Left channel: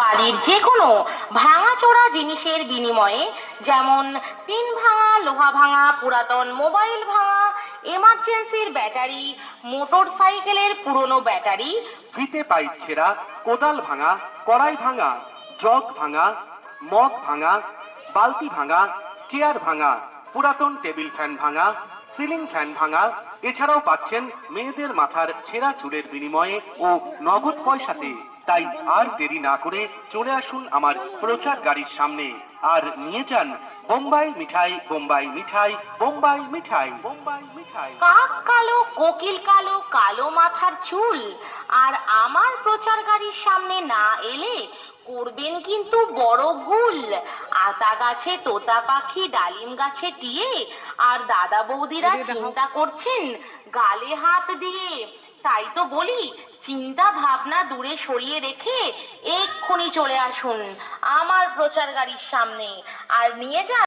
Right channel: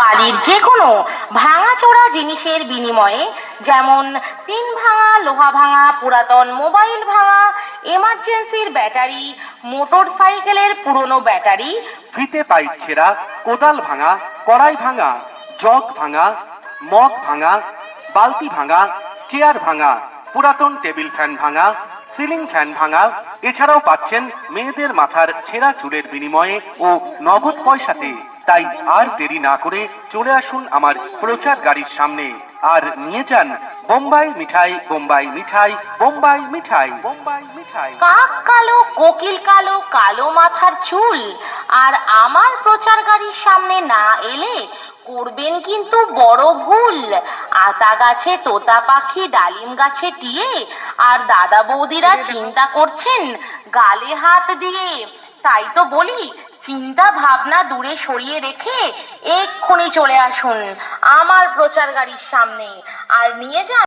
বাড়ির যে কোনো ভাঙাচোরা জিনিসের বিনিময়ে, যেমন টিন ভাঙা, লোহা ভাঙা, পুরাতন মোবাইল ভাঙা, এমার্জেন্সির ব্যাটারি, মোটর সাইকেলের পুরনো ব্যাটারি, ফিতে পাইপ ছেঁড়া, কোদাল ভাঙা, কড়াই ভাঙা, জগ ভাঙা, মগ ভাঙা, বালতি ভাঙা, চেয়ার ভাঙা, পুরাতন টেবিল ফ্যান ভাঙা, সিলিং ফ্যান ভাঙা, এছাড়াও পাচ্ছেন মেয়েদের মাথার ছেঁড়া চুলের বিনিময়ে ও নগদ পয়সাতে। তাই আর দেরি না করে চলে আসুন আমার প্রচার গাড়ির সামনে আর নিয়ে যান বোম্বাই মিঠাই, বোম্বাই মিঠাই, বোম্বাই মিঠাই, বোম্বাই মিঠাই। কাক কালো, কোকিল কালো, কালো মাথার চুল। আর আমার প্রচার গাড়ির সামনে না এলে করবেন কিন্তু বড় ভুল। আতা গাছে তোতা পাখি, ডালিম গাছে টিয়ে, আর দাদা বৌদিরা চিন্তা করছেন গালে হাত দিয়ে। তাই তো বলি, চিন্তা ভাবনা দূরে সরিয়ে রেখে এক্ষুনি চলে আসুন আমার প্রচার গাড়ির সামনে আর নিয়ে যান